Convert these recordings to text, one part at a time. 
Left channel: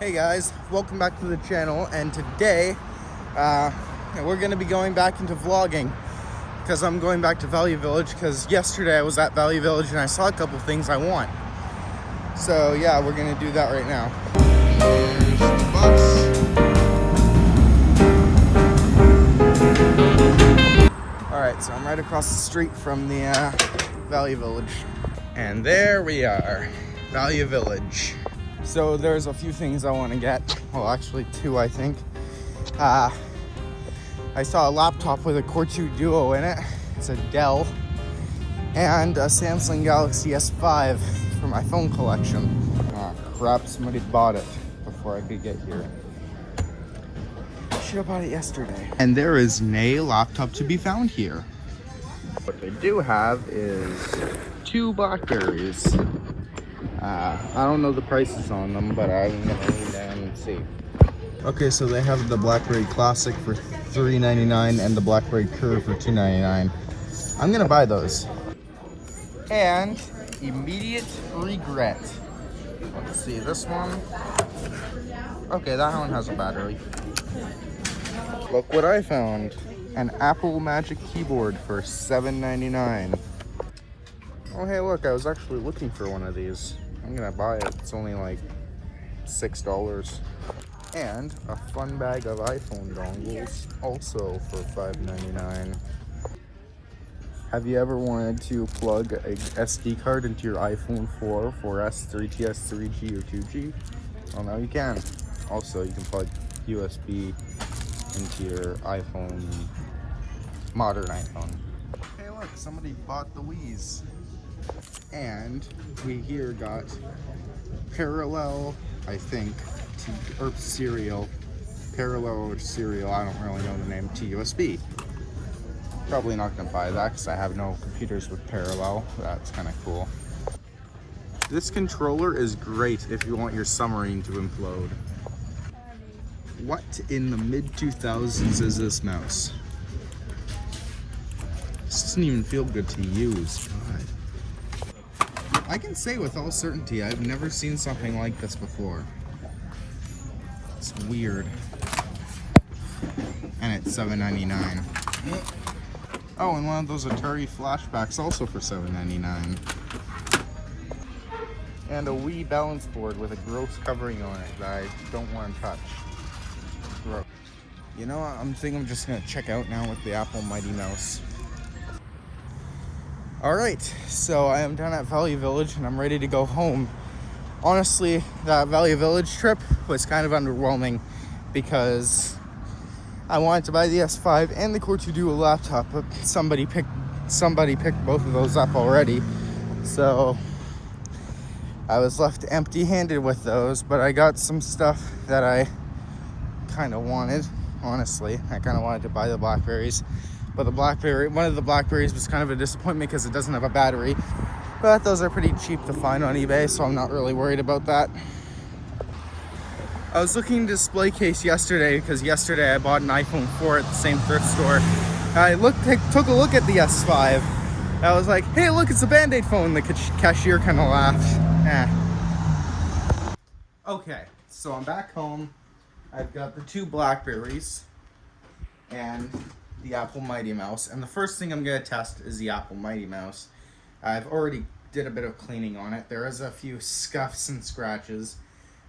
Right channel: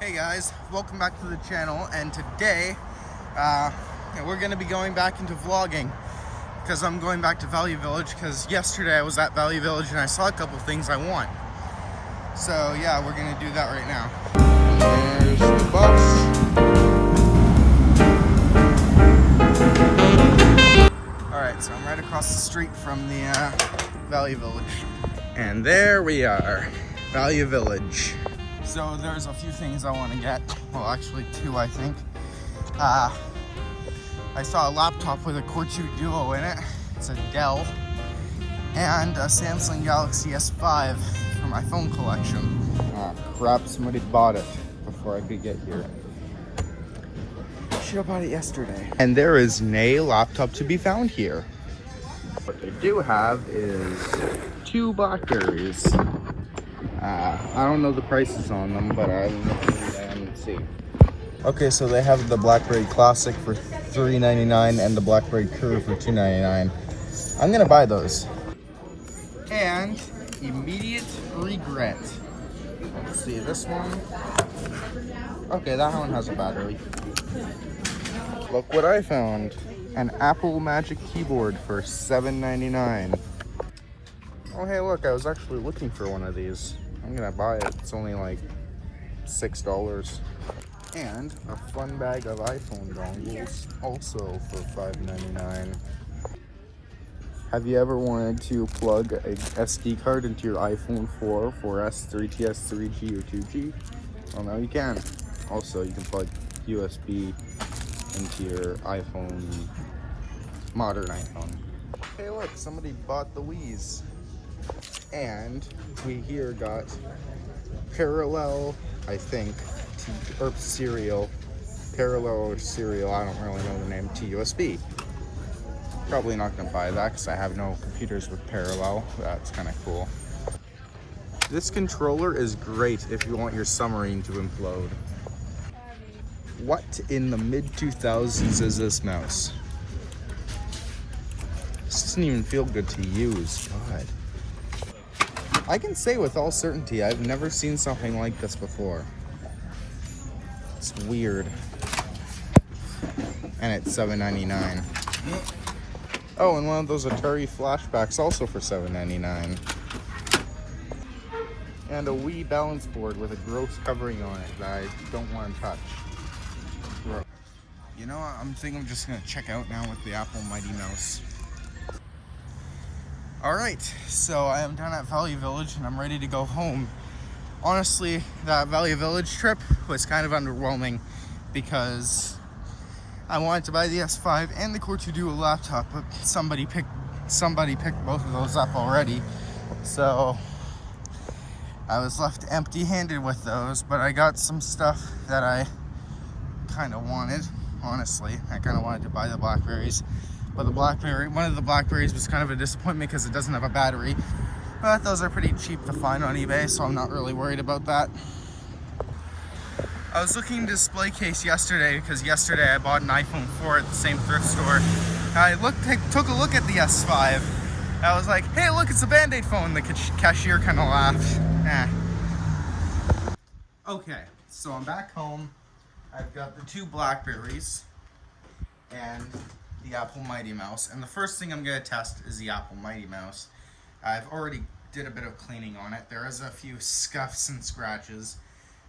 Hey guys, welcome back to the channel, and today we're going to be going back into vlogging because I'm going back to Value Village because yesterday I was at Value Village and I saw a couple things I want. So yeah, we're going to do that right now. There's the bus. Alright, so I'm right across the street from the Value Village. And there we are, Value Village. So there's a few things I want to get. Well, actually two, I think. I saw a laptop with a Core 2 Duo in it. It's a Dell. And a Samsung Galaxy S5 for my phone collection. Crap, somebody bought it before I could get here. I should have bought it yesterday. And there is no laptop to be found here. What they do have is two BlackBerries. I don't know the prices on them, but I will look and see. Okay, so they have the BlackBerry Classic for $3.99 and the BlackBerry Curve for $2.99. I'm gonna buy those. And immediate regret. Let's see, this one. Okay, that one has a battery. Look what I found. An Apple Magic Keyboard for $7.99. Oh, hey, look, I was actually looking for one of these. I'm gonna buy it. It's only like $6. And a fun bag of iPhone dongles, also for $5.99. Have you ever wanted to plug a SD card into your iPhone 4, 4S, 3GS, 3G, or 2G? Well, now you can. Also, you can plug USB into your iPhone, modern iPhone. Hey, look, somebody bought the Wii's. And we here got parallel, I think, or serial, parallel or serial, I don't really know the name, to USB. Probably not gonna buy that because I have no computers with parallel. That's kind of cool. This controller is great if you want your submarine to implode. What in the mid-2000s is this mouse? This doesn't even feel good to use. God. I can say with all certainty, I've never seen something like this before. It's weird. And it's $7.99. Oh, and one of those Atari flashbacks also for $7.99. And a Wii balance board with a gross covering on it that I don't want to touch. You know, I'm just gonna check out now with the Apple Mighty Mouse. Alright, so I am done at Value Village and I'm ready to go home. Honestly, that Value Village trip was kind of underwhelming because I wanted to buy the S5 and the Core 2 Duo laptop, but somebody picked both of those up already. So I was left empty-handed with those, but I got some stuff that I kind of wanted, honestly. I kind of wanted to buy the BlackBerries. But one of the BlackBerries was kind of a disappointment because it doesn't have a battery. But those are pretty cheap to find on eBay, so I'm not really worried about that. I was looking at a display case yesterday because yesterday I bought an iPhone 4 at the same thrift store. I took a look at the S5. I was like, hey, look, it's a Band-Aid phone. The cashier kind of laughed. Okay, so I'm back home. I've got the two BlackBerries and the Apple Mighty Mouse, and the first thing I'm going to test is the Apple Mighty Mouse. I've already did a bit of cleaning on it. There is a few scuffs and scratches,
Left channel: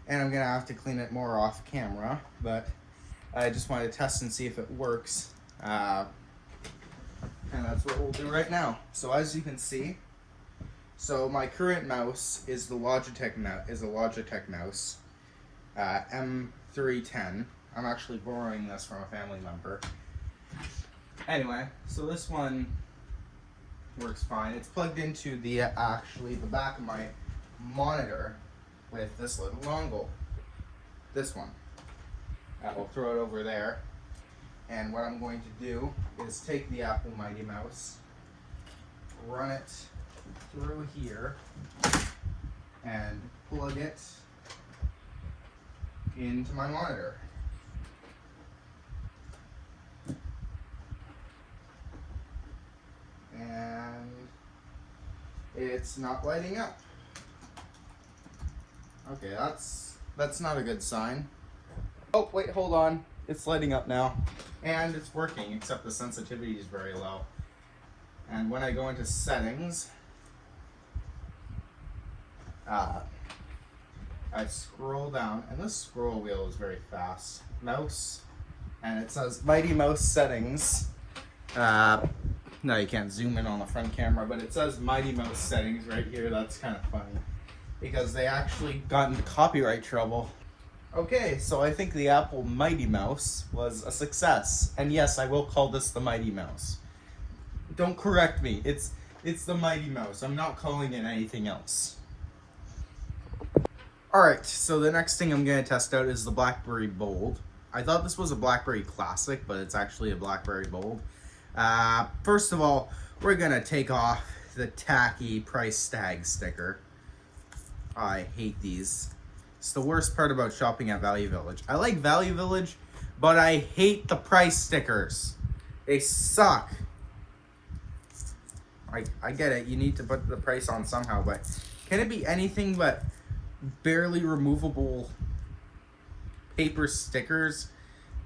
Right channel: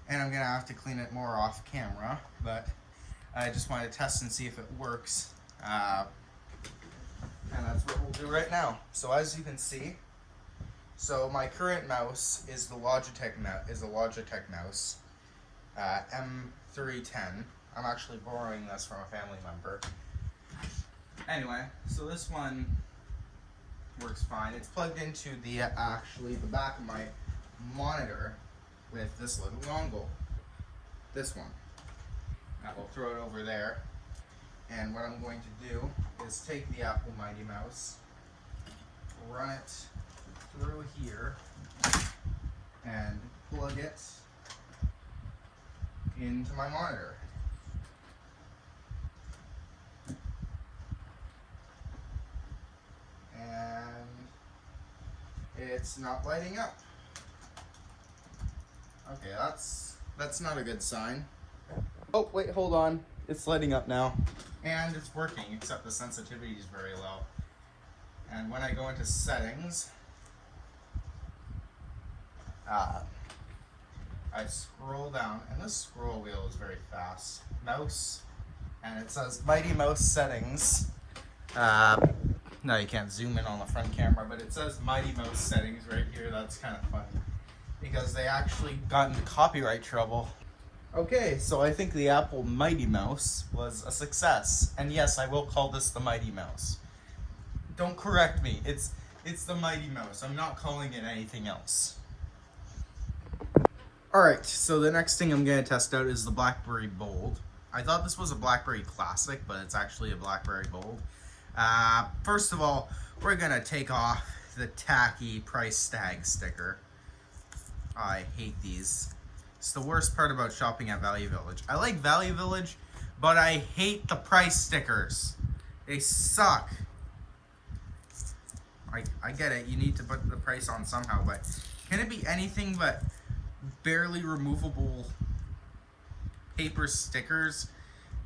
and I'm going to have to clean it more off camera, but I just wanted to test and see if it works, and that's what we'll do right now. So as you can see, so my current mouse is the Logitech mouse, M310. I'm actually borrowing this from a family member. Anyway, so this one works fine. It's plugged into the back of my monitor with this little dongle. This one. I will throw it over there. And what I'm going to do is take the Apple Mighty Mouse, run it through here, and plug it into my monitor. And it's not lighting up. Okay, that's That's not a good sign. Oh, wait, hold on. It's lighting up now. And it's working, except the sensitivity is very low. And when I go into settings, I scroll down, and this scroll wheel is very fast. Mouse, and it says Mighty Mouse settings. No, you can't zoom in on the front camera, but it says Mighty Mouse settings right here. That's kind of funny, because they actually got into copyright trouble. Okay, so I think the Apple Mighty Mouse was a success. And yes, I will call this the Mighty Mouse. Don't correct me. It's the Mighty Mouse. I'm not calling it anything else. Alright, so the next thing I'm going to test out is the BlackBerry Bold. I thought this was a BlackBerry Classic, but it's actually a BlackBerry Bold. First of all, we're going to take off the tacky price tag sticker. I hate these. It's the worst part about shopping at Value Village. I like Value Village, but I hate the price stickers. They suck. I get it, you need to put the price on somehow, but can it be anything but barely removable paper stickers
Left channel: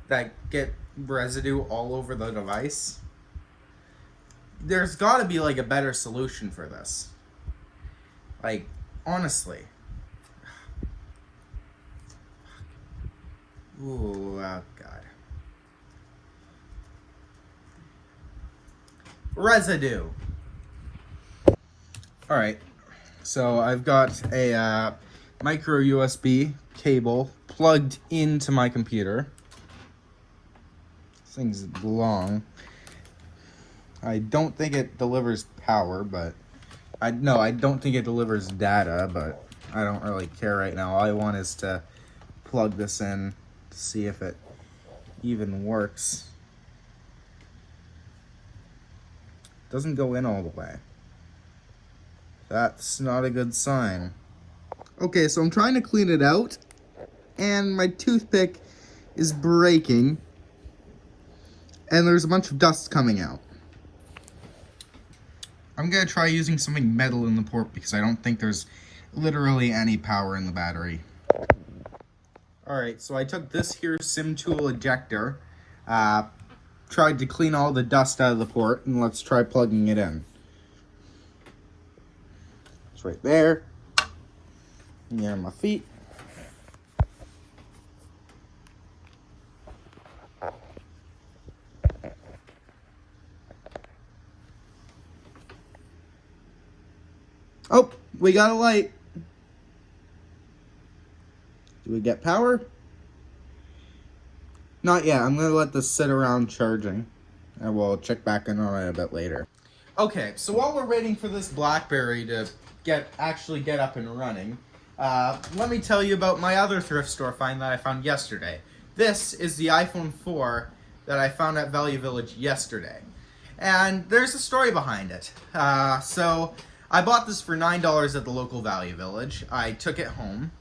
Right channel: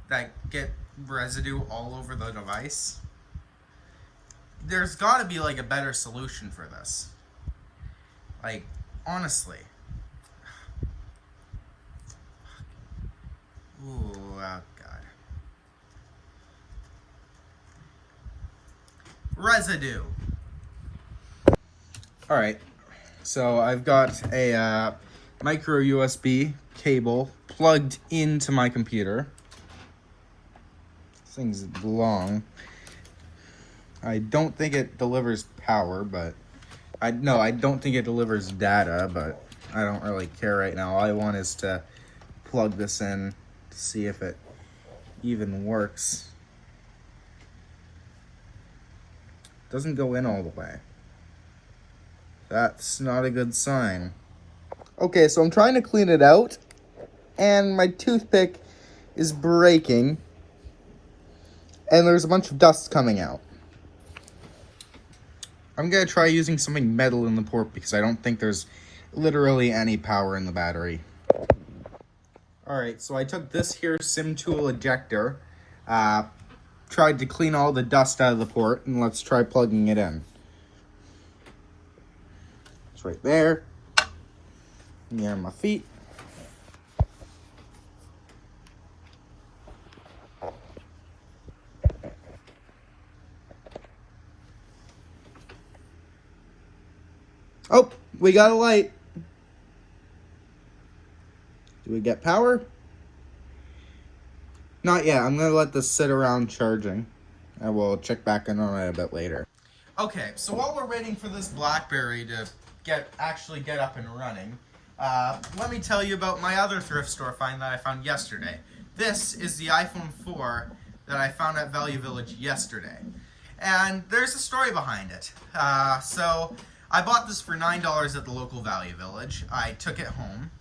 that get residue all over the device? There's got to be like a better solution for this. Like, honestly. Ooh, oh God. Residue. Alright, so I've got a micro USB cable plugged into my computer. This thing's long. I don't think it delivers power, but I don't think it delivers data, but I don't really care right now. All I want is to plug this in to see if it even works. It doesn't go in all the way. That's not a good sign. Okay, so I'm trying to clean it out, and my toothpick is breaking, and there's a bunch of dust coming out. I'm going to try using something metal in the port because I don't think there's literally any power in the battery. Alright, so I took this here SIM tool ejector, tried to clean all the dust out of the port, and let's try plugging it in. It's right there, near my feet. Oh, we got a light. Do we get power? Not yet. I'm going to let this sit around charging. I will check back in on it a bit later. Okay, so while we're waiting for this BlackBerry to actually get up and running, let me tell you about my other thrift store find that I found yesterday. This is the iPhone 4 that I found at Value Village yesterday. And there's a story behind it. So I bought this for $9 at the local Value Village. I took it home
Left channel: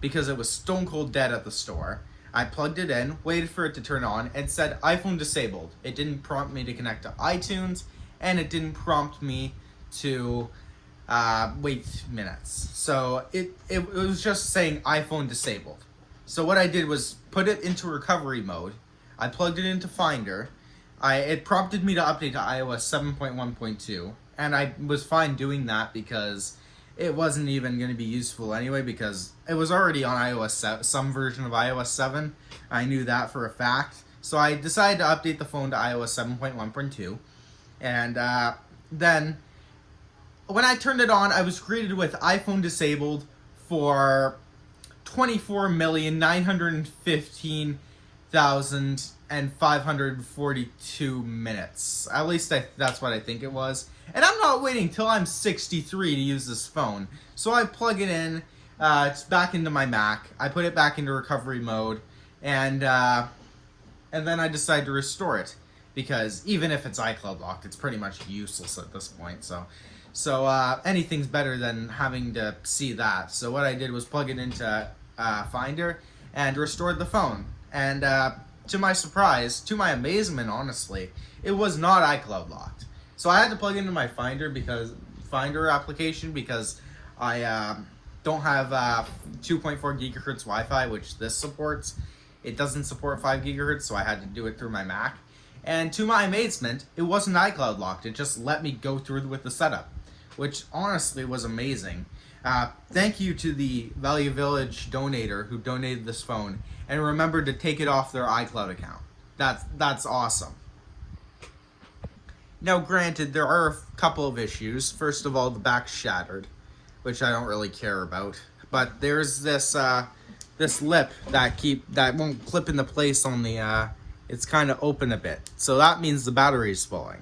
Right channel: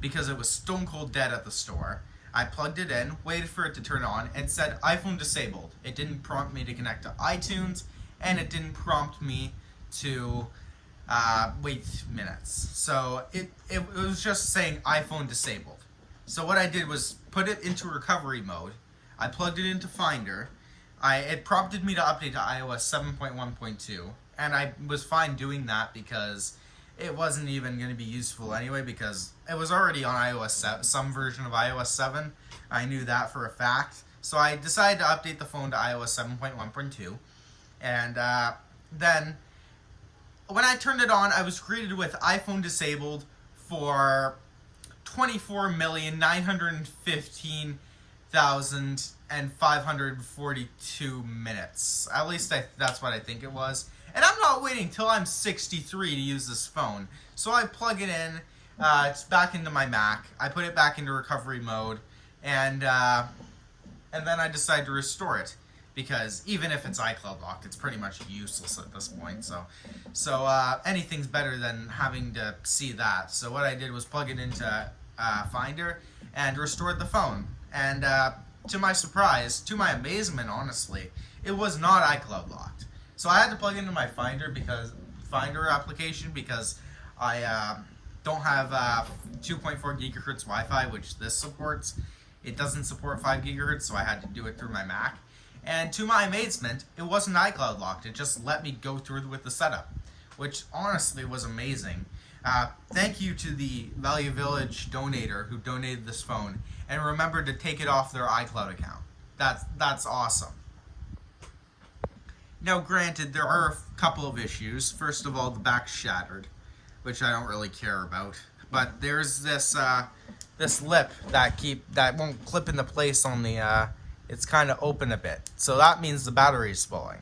because it was stone cold dead at the store. I plugged it in, waited for it to turn on. It said iPhone disabled. It didn't prompt me to connect to iTunes, and it didn't prompt me to wait minutes. So it was just saying iPhone disabled. So what I did was put it into recovery mode. I plugged it into Finder. It prompted me to update to iOS 7.1.2, and I was fine doing that because it wasn't even going to be useful anyway because it was already on iOS 7, some version of iOS 7. I knew that for a fact. So I decided to update the phone to iOS 7.1.2, and then when I turned it on, I was greeted with iPhone disabled for 24,915,542 minutes. At least that's what I think it was. And I'm not waiting till I'm 63 to use this phone. So I plug it in. It's back into my Mac. I put it back into recovery mode, and then I decide to restore it. Because even if it's iCloud locked, it's pretty much useless at this point. So anything's better than having to see that. So what I did was plug it into Finder and restored the phone. And to my surprise, to my amazement, honestly, it was not iCloud locked. So I had to plug it into my Finder application because I don't have 2.4 gigahertz Wi-Fi, which this supports. It doesn't support 5 gigahertz, so I had to do it through my Mac. And to my amazement, it wasn't iCloud locked. It just let me go through with the setup, which honestly was amazing. Thank you to the Value Village donator who donated this phone and remembered to take it off their iCloud account. That's awesome. Now, granted, there are a couple of issues. First of all, the back's shattered, which I don't really care about. But there's this this lip that won't clip into place on the. It's kind of open a bit, so that means the battery's falling.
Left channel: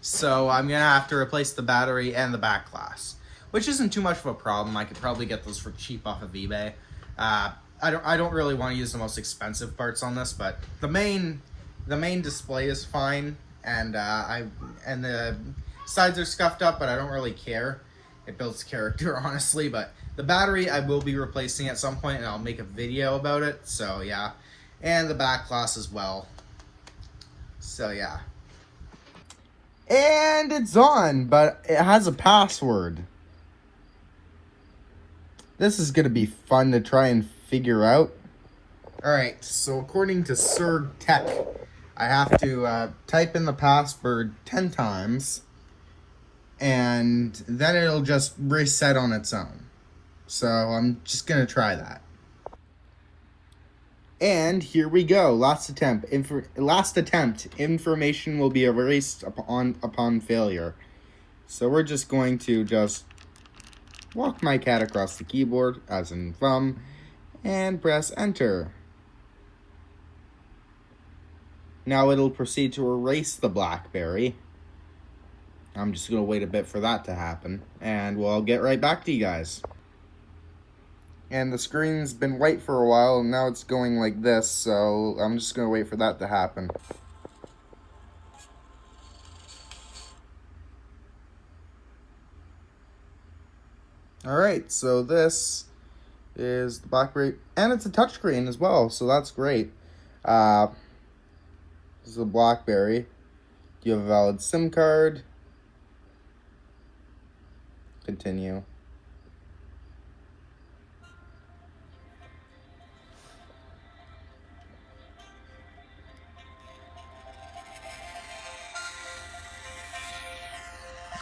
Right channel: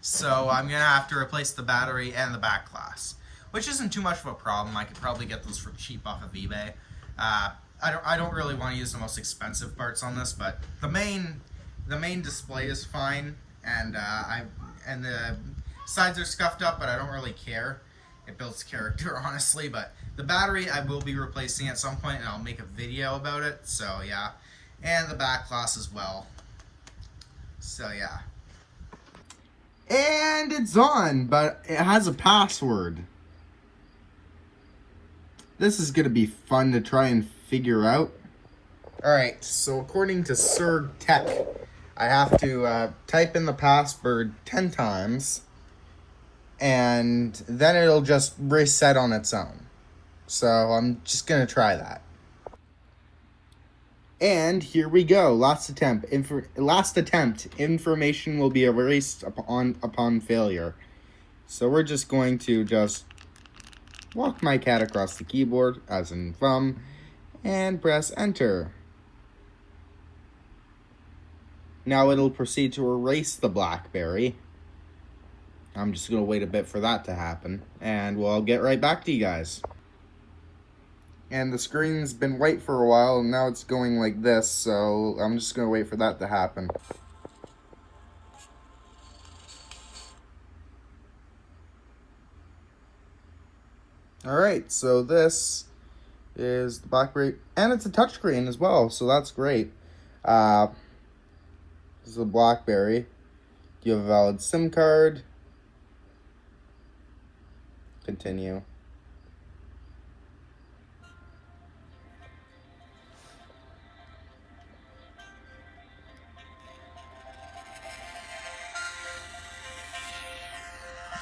So I'm gonna have to replace the battery and the back glass, which isn't too much of a problem. I could probably get those for cheap off of eBay. I don't really want to use the most expensive parts on this, but the main display is fine, and the sides are scuffed up, but I don't really care. It builds character, honestly. But the battery I will be replacing at some point, and I'll make a video about it. So yeah, and the back glass as well. So yeah. And it's on, but it has a password. This is going to be fun to try and figure out. Alright, so according to Sir Tech, I have to type in the password 10 times, and then it'll just reset on its own. So I'm just going to try that. And here we go. Last attempt. Information will be erased upon failure. So we're just going to walk my cat across the keyboard, as in thumb, and press enter. Now it'll proceed to erase the BlackBerry. I'm just going to wait a bit for that to happen, and we'll get right back to you guys. And the screen's been white for a while, and now it's going like this, so I'm just going to wait for that to happen. Alright, so this is the BlackBerry, and it's a touchscreen as well, so that's great. This is a BlackBerry. Do you have a valid SIM card? Continue.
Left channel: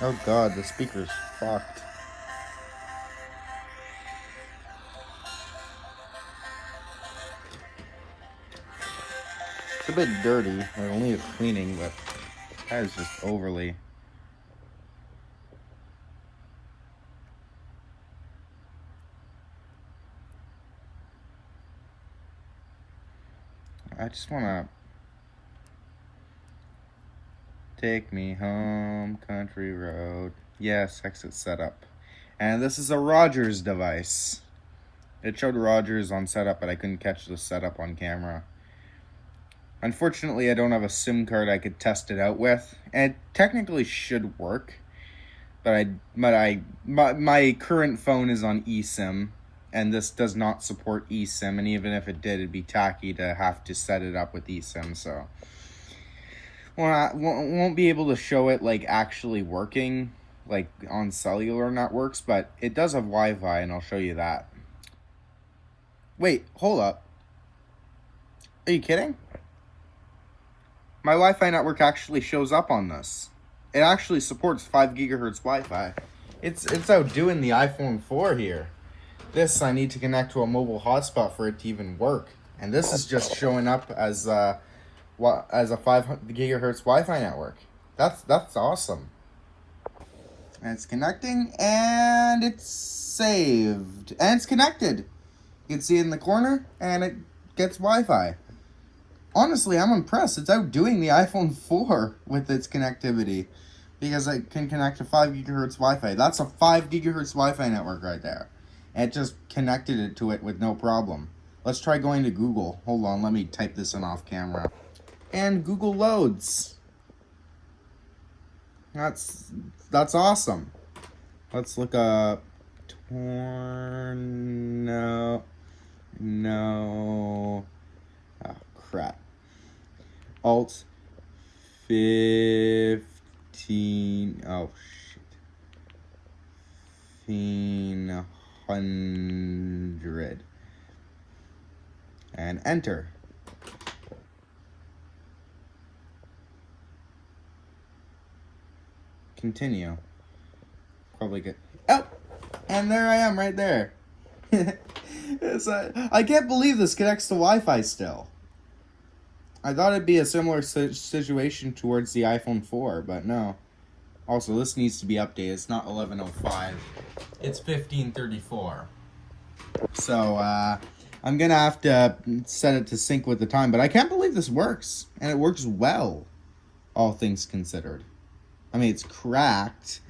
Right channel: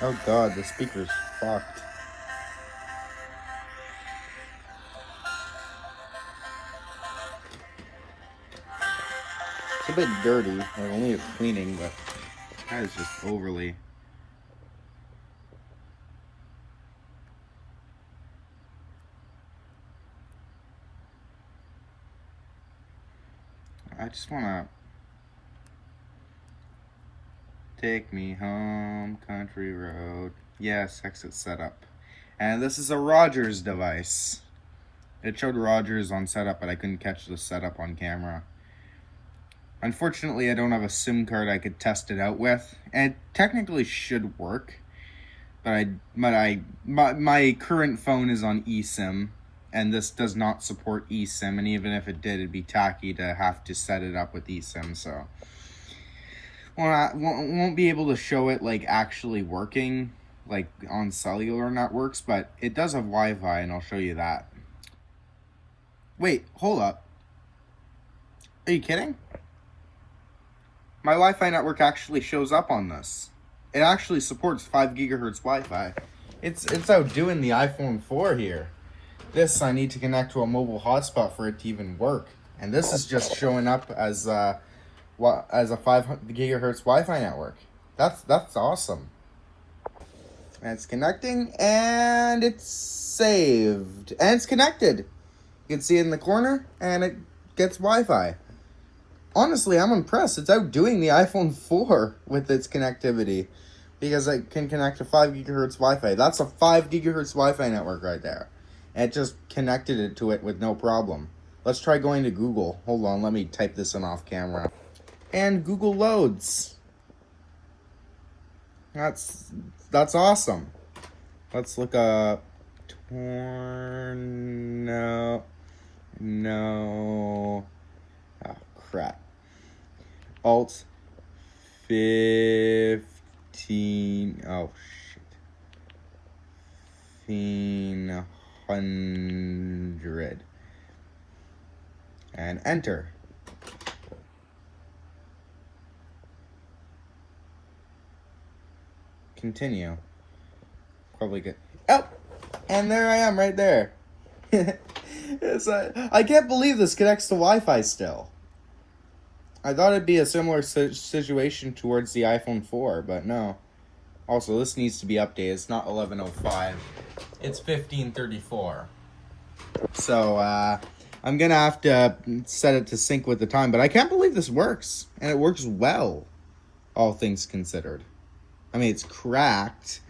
Oh god, the speaker's fucked. It's a bit dirty. I mean, it needs cleaning, but that is just overly. I just wanna take me home, country road. Yes, exit setup. And this is a Rogers device. It showed Rogers on setup, but I couldn't catch the setup on camera. Unfortunately, I don't have a SIM card I could test it out with. And it technically should work, but my current phone is on eSIM, and this does not support eSIM. And even if it did, it'd be tacky to have to set it up with eSIM. So, well, I won't be able to show it like actually working, like on cellular networks. But it does have Wi-Fi, and I'll show you that. Wait, hold up. Are you kidding? My Wi-Fi network actually shows up on this. It actually supports 5 gigahertz Wi-Fi. It's outdoing the iPhone 4 here. This, I need to connect to a mobile hotspot for it to even work. And this is just showing up as a 5 gigahertz Wi-Fi network. That's awesome. And it's connecting, and it's saved. And it's connected. You can see it in the corner, and it gets Wi-Fi. Honestly, I'm impressed. It's outdoing the iPhone 4 with its connectivity, because I can connect to 5 gigahertz Wi-Fi. That's a 5 gigahertz Wi-Fi network right there. And it just connected it to it with no problem. Let's try going to Google. Hold on, let me type this in off camera. And Google loads. That's awesome. Let's look up No. Oh, crap. Alt 15. Oh, shit. 15 500. And enter. Continue. Probably good. Oh! And there I am right there. I can't believe this connects to Wi-Fi still. I thought it'd be a similar situation towards the iPhone 4, but no. Also, this needs to be updated. It's not 11:05. It's 15:34. So, I'm going to have to set it to sync with the time. But I can't believe this works. And it works well, all things considered. I mean, it's cracked.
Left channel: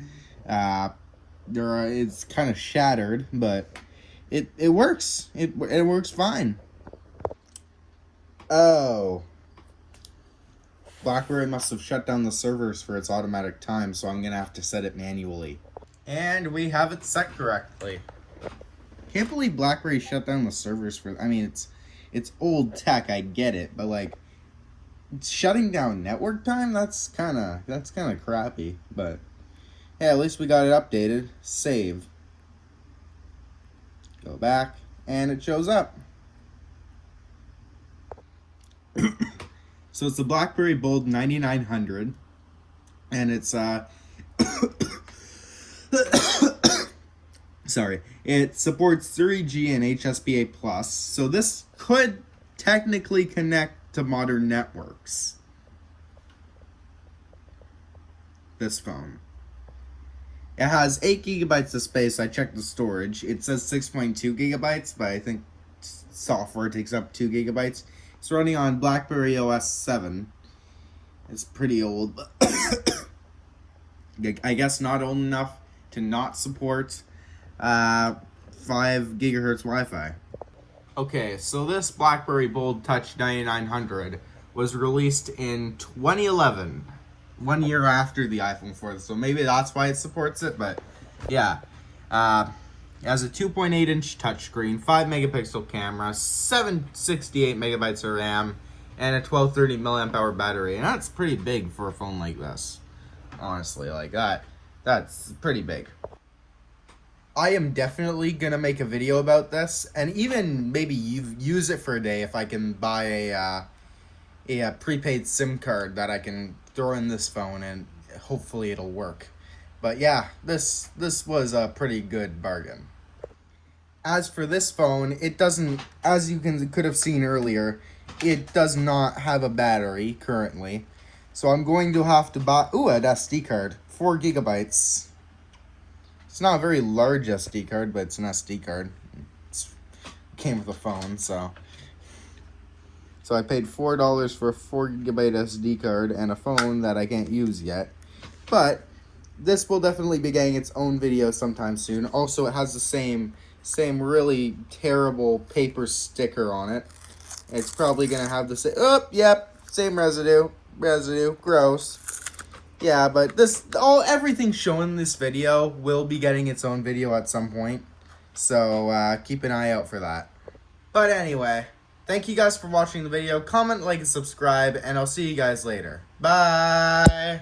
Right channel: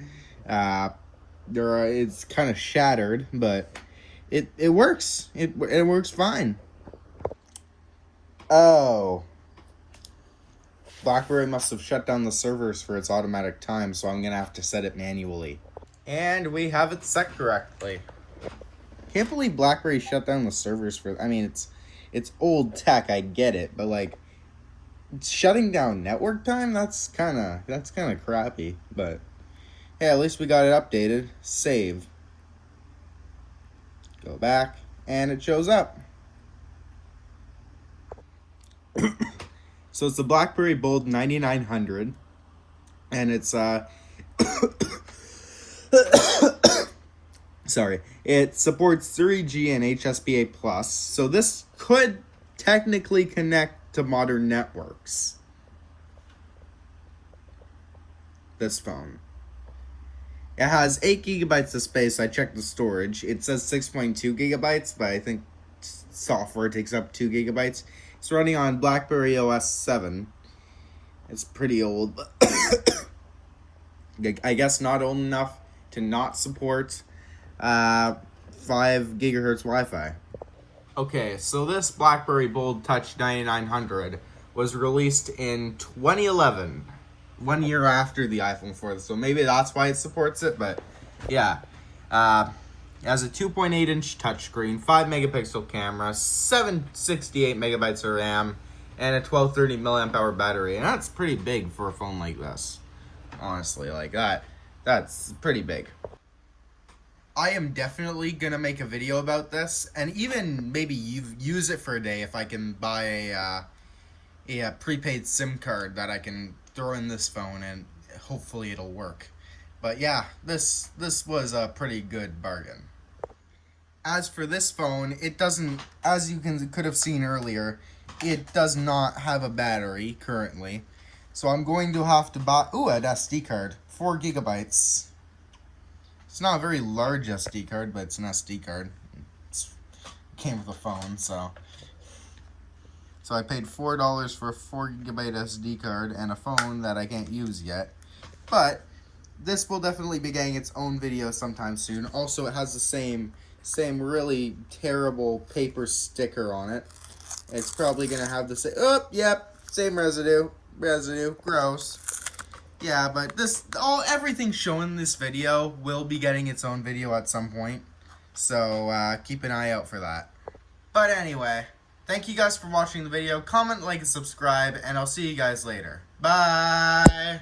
It's kind of shattered, but it works. It works fine. Oh. BlackBerry must have shut down the servers for its automatic time, so I'm going to have to set it manually. And we have it set correctly. Can't believe BlackBerry shut down the servers for... I mean, it's old tech, I get it, but, like, shutting down network time, that's kind of crappy, but yeah, at least we got it updated. Save. Go back, and it shows up. So it's the BlackBerry Bold 9900, and it's sorry, it supports 3G and HSPA+, so this could technically connect to modern networks. This phone. It has 8 gigabytes of space. I checked the storage. It says 6.2 gigabytes, but I think software takes up 2 gigabytes. It's running on BlackBerry OS 7. It's pretty old, but I guess not old enough to not support 5 gigahertz Wi-Fi. Okay, so this BlackBerry Bold Touch 9900 was released in 2011, 1 year after the iPhone 4, so maybe that's why it supports it, but yeah. It has a 2.8-inch touchscreen, 5-megapixel camera, 768 megabytes of RAM, and a 1230 milliamp-hour battery, and that's pretty big for a phone like this. Honestly, like that's pretty big. I am definitely going to make a video about this, and even maybe use it for a day if I can buy a prepaid SIM card that I can throw in this phone, and hopefully it'll work. But yeah, this was a pretty good bargain. As for this phone, it doesn't, as you could have seen earlier, it does not have a battery currently. So I'm going to have to buy, an SD card, 4 gigabytes. It's not a very large SD card, but it's an SD card. It came with a phone, so I paid $4 for a 4 gigabyte SD card and a phone that I can't use yet. But this will definitely be getting its own video sometime soon. Also, it has the same really terrible paper sticker on it. It's probably gonna have the same. Same residue, gross. Yeah, but everything shown in this video will be getting its own video at some point, so keep an eye out for that. But anyway, thank you guys for watching the video. Comment, like, and subscribe, and I'll see you guys later. Bye!